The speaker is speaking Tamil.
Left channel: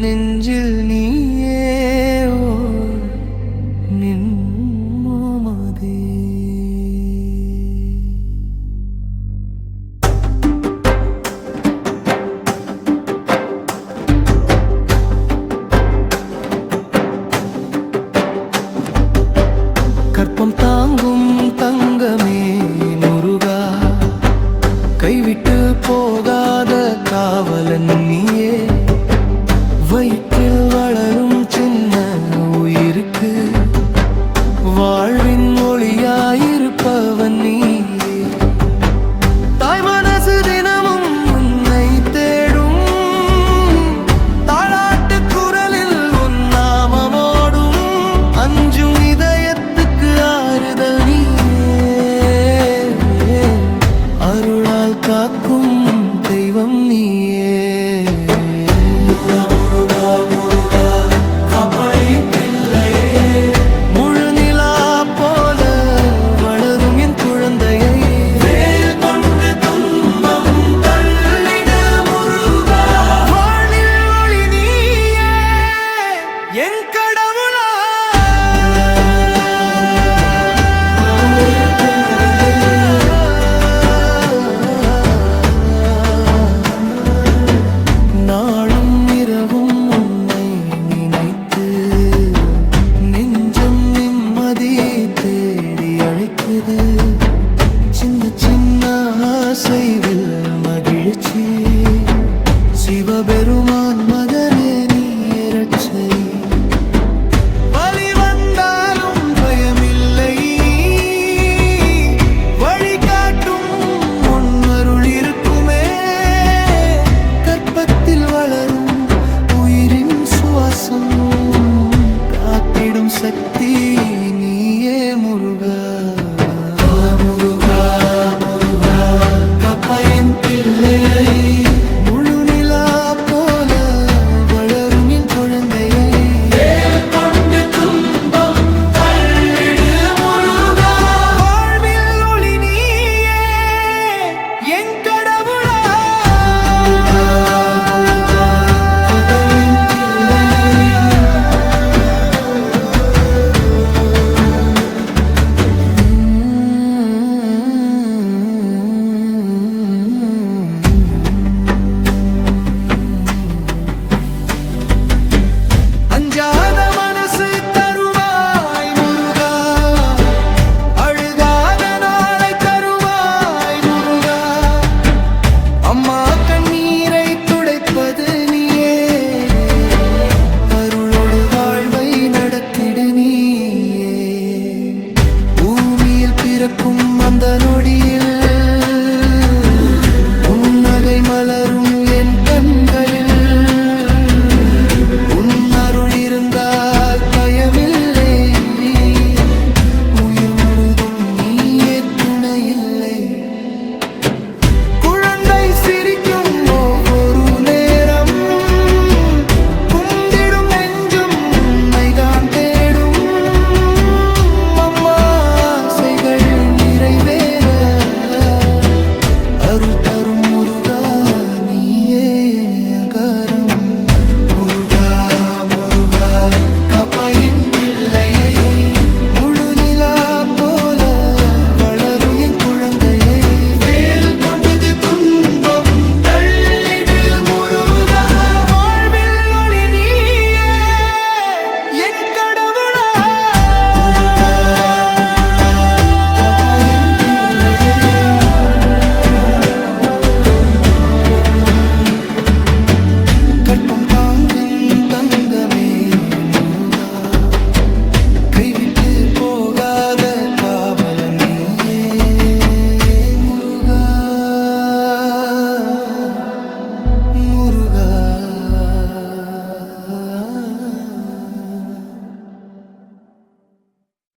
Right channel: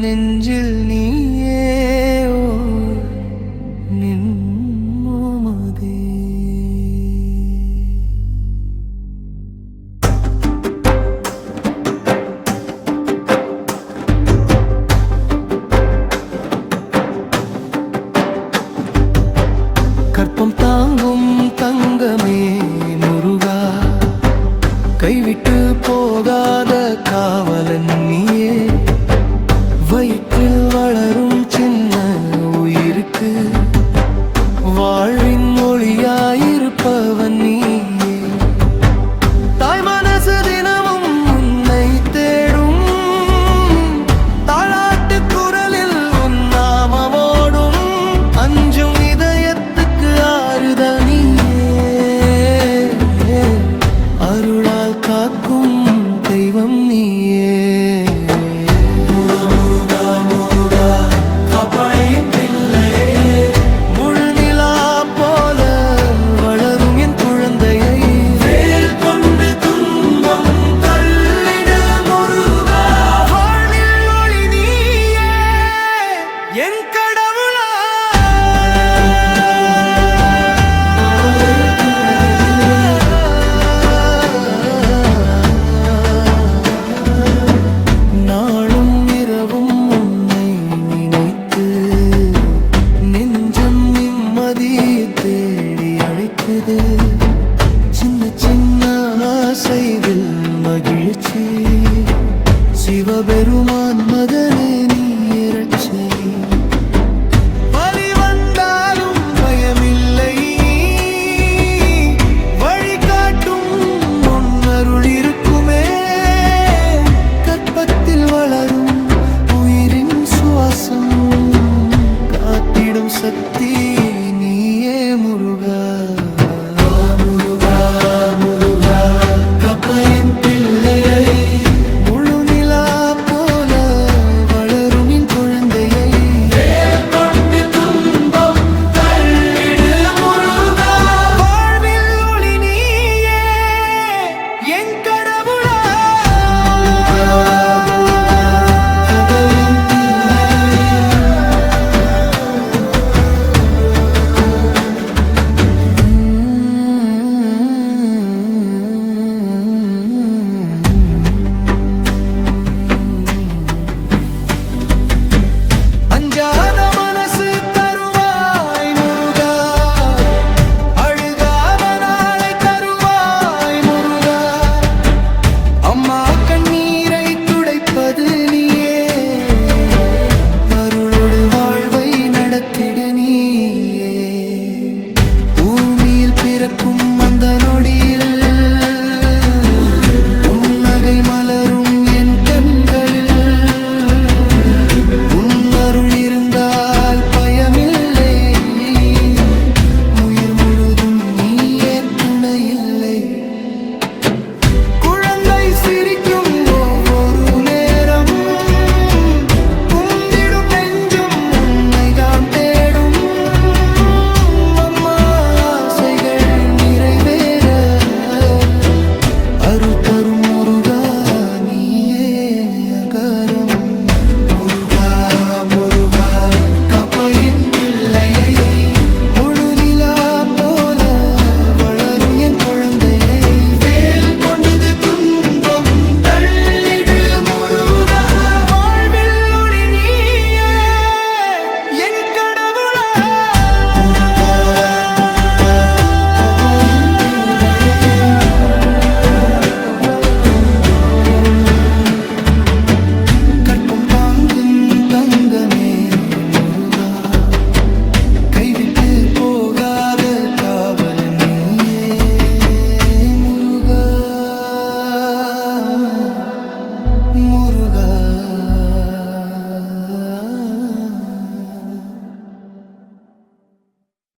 நெஞ்சில் நீயே நின்மோமதே. கற்பம் தாங்கும் தங்கமே முருகா, கைவிட்டு போகாத காவலன் நீயே. வயிற்றில் வளரும் சின்ன உயிருக்கு வாழ்வின் ஒளியாயிருப்பவன் நீயே. தாய் மனசு தினமும் உன்னை தேடும், தாளாட்டு குரலில் உன் நாமமோடும். அஞ்சும் இதயத்துக்கு ஆறுதல் நீயே, அருளால் காக்கும் தெய்வம் நீயே. நாளும் இரவும் உன்னை நினைத்து நெஞ்சம் நிம்மதி தேடி அழைக்குது. சின்ன சின்ன ஆசைவில் மகிழ்ச்சி, சிவபெருமான் மகனே நீ இரட்சை. வலி வந்தாலும் பயமில்லை, வழிகாட்டும் முன்னருள் இருக்குமே. கற்பத்தில் வளரும் உயிரின் சுவாசம், காத்திடும் சக்தி நீயே முருகா. முருகா முருகா கப்பையின் பிள்ளையை, முழு நிலா போல வளரும் என் குழந்தையை. வாழ்வில் ஒளி நீயே என் கடவுளா. அஞ்சாத மனசு தருவாய் முருகா, அழுகாத நாளை தருவாய் முருகா. அம்மா கண்ணீரை துடைப்பது நீயே, அருளோடு வாழ்வை நடத்திடு நீயே. பூமியில் பிறக்கும் அந்த நொடியில் உன்னகை மலரும் என் கண்களில். அருள் இருந்தால் பயமில்லை, உயிர் முழுதும் நீயே துணையில்லை. குழந்தை சிரிக்கும் ஒவ்வொரு நேரம், குந்திடும் நெஞ்சும் உன்னைதான் தேடும். அம்மா ஆசைகள் நிறைவேற அருள் தரும் முருகா நீயே அகாரம். முழு நிலா போல வளரும் என் குழந்தையை. வேல் கொண்டது துன்பம் தள்ளிடு முருகா, வாழ்வில் ஒளி நீயே என் கடவுளா. கற்பம் தாங்கும் தங்கமே